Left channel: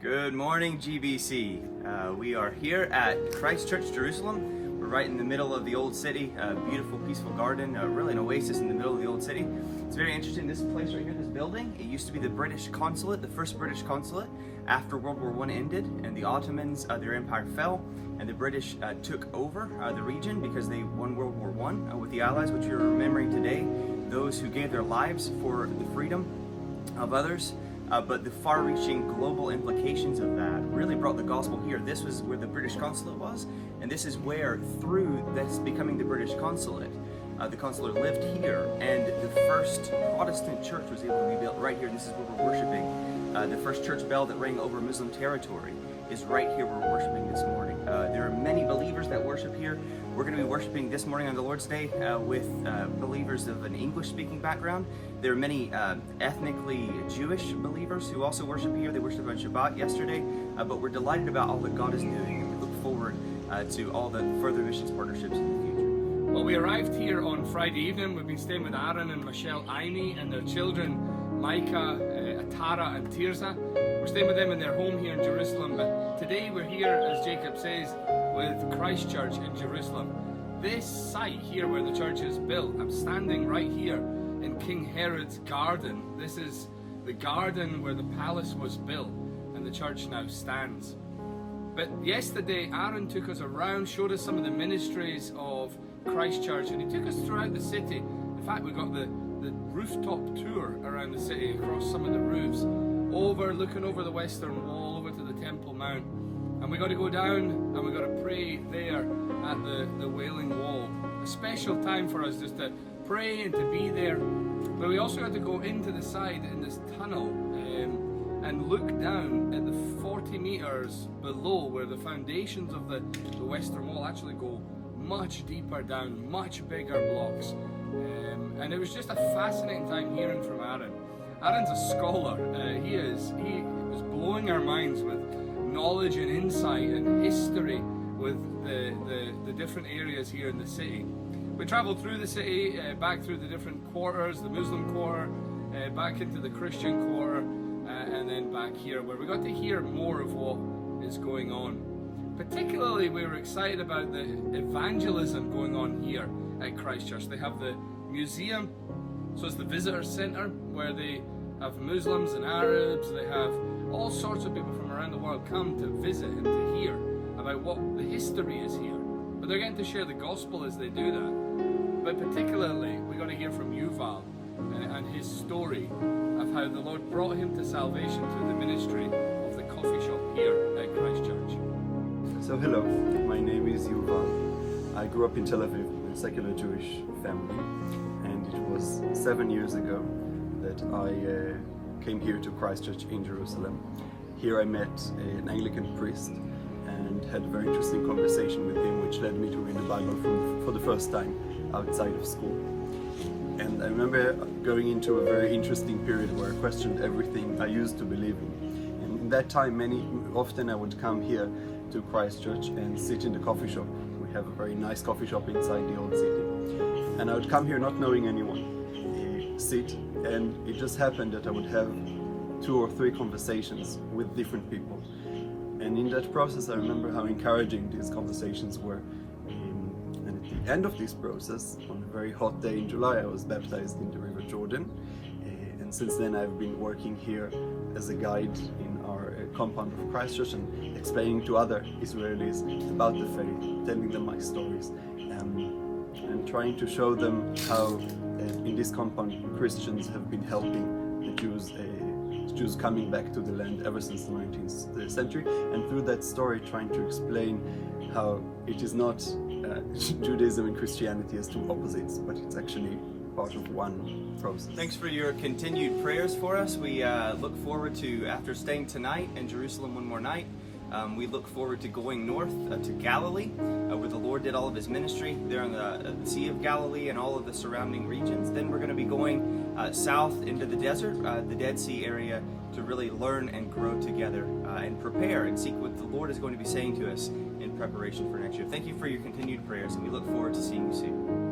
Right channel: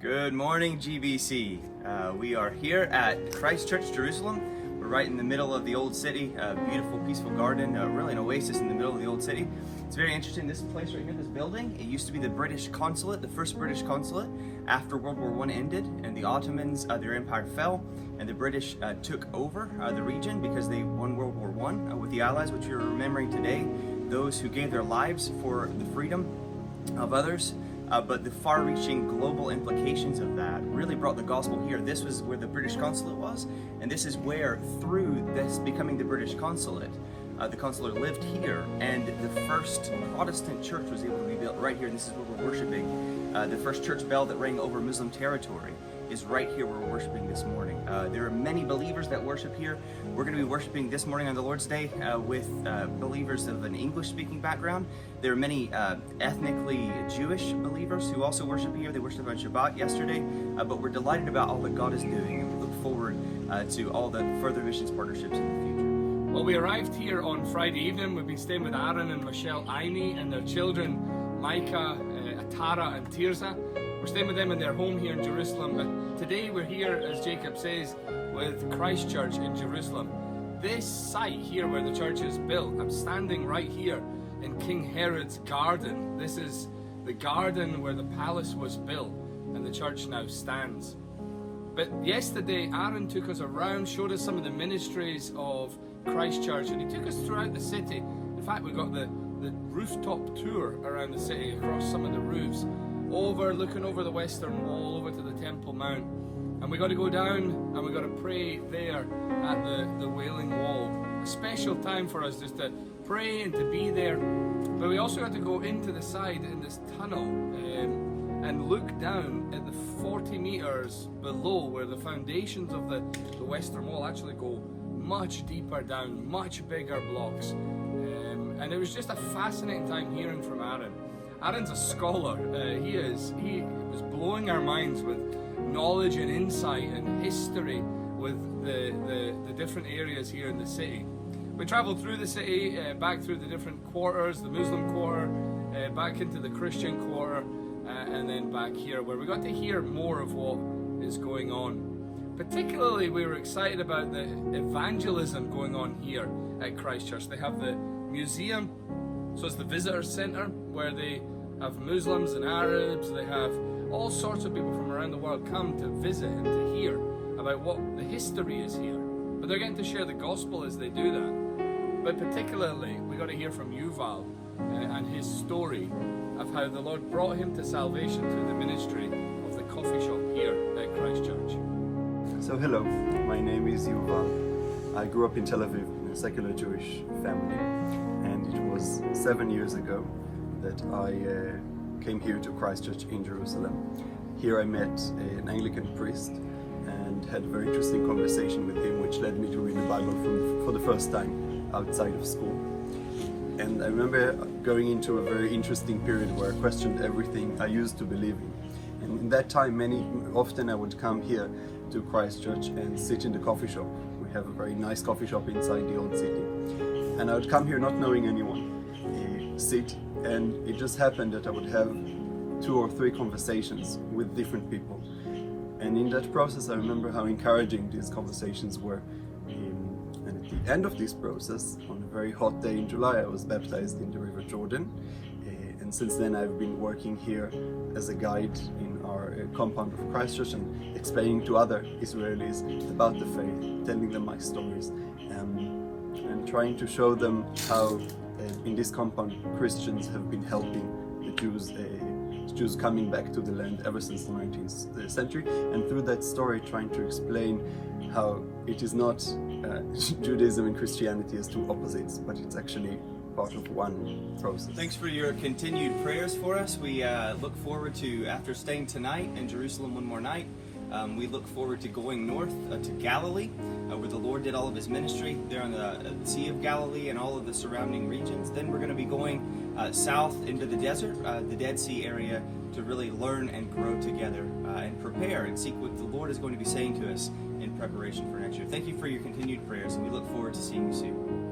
Good morning, GBC. We are here at Christ Church, Jerusalem. We're right in the middle of the old city, a beautiful, peaceful garden, really an oasis in the middle of the old city. It's very interesting, this place right here, this building, it used to be the British consulate, the first British consulate after World War I ended, and the Ottomans, their empire fell, and the British took over the region because they won World War I with the Allies, which you're remembering today, those who gave their lives for the freedom of others. But the far-reaching global implications of that really brought the gospel here. This was where the British consulate was, and this is where, through this becoming the British consulate, the consulate lived here, and the first Protestant church was able to be built right here, and this is where we're worshiping. The first church bell that rang over Muslim territory is right here where we're worshiping this morning. There are many believers that worship here. We're going to be worshiping this morning on the Lord's Day with believers of an English-speaking background. There are many ethnically Jewish believers who also worship here. They worshiped on Shabbat yesterday, but we're delighted about all that God is doing, and we look forward to all the further missions partnerships in the future. Well, we arrived here on Friday evening. We've been staying with Aaron and Michelle Aimee and their children, Micah, Atara and Tirza. We're staying with them in their home here in Jerusalem, but today we're here, as Jacob says, with Christ Church in Jerusalem. This site here where the church is built, I'm standing right here in King Herod's garden. This is the garden where the palace was built and the church now stands. But yesterday, Aaron took us around, showed us some of the ministries of Christ Church, and he took us throughout the city. In fact, we got the rooftop tour around the city, across some of the roofs, looking over the Western Wall, over to the Temple Mount. And we got to go down and we got to pray there at the Wailing Wall. A special time for us just to pray and to be there. But we also got to go into the side in this tunnel and look down at the 40 meters below where the foundations of the Western Wall actually go much deeper down, much bigger blocks. And it was just a fascinating time hearing from Aaron. Aaron's a scholar. He was blowing our minds with knowledge and insight and history with the different areas here in the city. We travelled through the city, back through the different quarters, the Muslim quarter, back into the Christian quarter, and then back here, where we got to hear more of what is going on. Particularly, we were excited about the evangelism going on here at Christ Church. They have the museum, so it's the visitor centre where they have Muslims and Arabs. They have all sorts of people from around the world come to visit and to hear about what the history is here. But they're getting to share the gospel as they do that. But particularly, we got to hear from Yuval and his story of how the Lord brought him to salvation through the ministry of the coffee shop here at Christ Church. So hello, my name is Yuval. I grew up in Tel Aviv in a secular Jewish family, and it was 7 years ago that I came here to Christ Church in Jerusalem. Here I met an Anglican priest and had a very interesting conversation with him, which led me to read the Bible for the first time outside of school. And I remember going into a very interesting period where I questioned everything I used to believe in. And in that time, often I would come here to Christ Church and sit in the coffee shop. We have a very nice coffee shop inside the old city. And I would come here not knowing anyone, sit, and it just happened that I would have 2 or 3 conversations with different people. And in that process, I remember how encouraging these conversations were. And at the end of this process, on a very hot day in July, I was baptized in the River Jordan. And since then, I've been working here as a guide in our compound of Christ Church and explaining to other Israelis about the faith, telling them my stories, and trying to show them how in this compound Christians have been helping the Jews coming back to the land ever since the 19th century, and through that story trying to explain how it is not Judaism and Christianity as 2 opposites, but it's actually part of one process. Thanks for your continued prayers for us. We look forward to, after staying tonight in Jerusalem one more night, we look forward to going north to Galilee, where the Lord did all of his ministry there on the Sea of Galilee and all of the surrounding regions. Then we're going to be going south into the desert, the Dead Sea area, to really learn and grow together and prepare and seek what the Lord is going to be saying to us in preparation for next year. Thank you for your continued prayers, and we look forward to seeing you soon.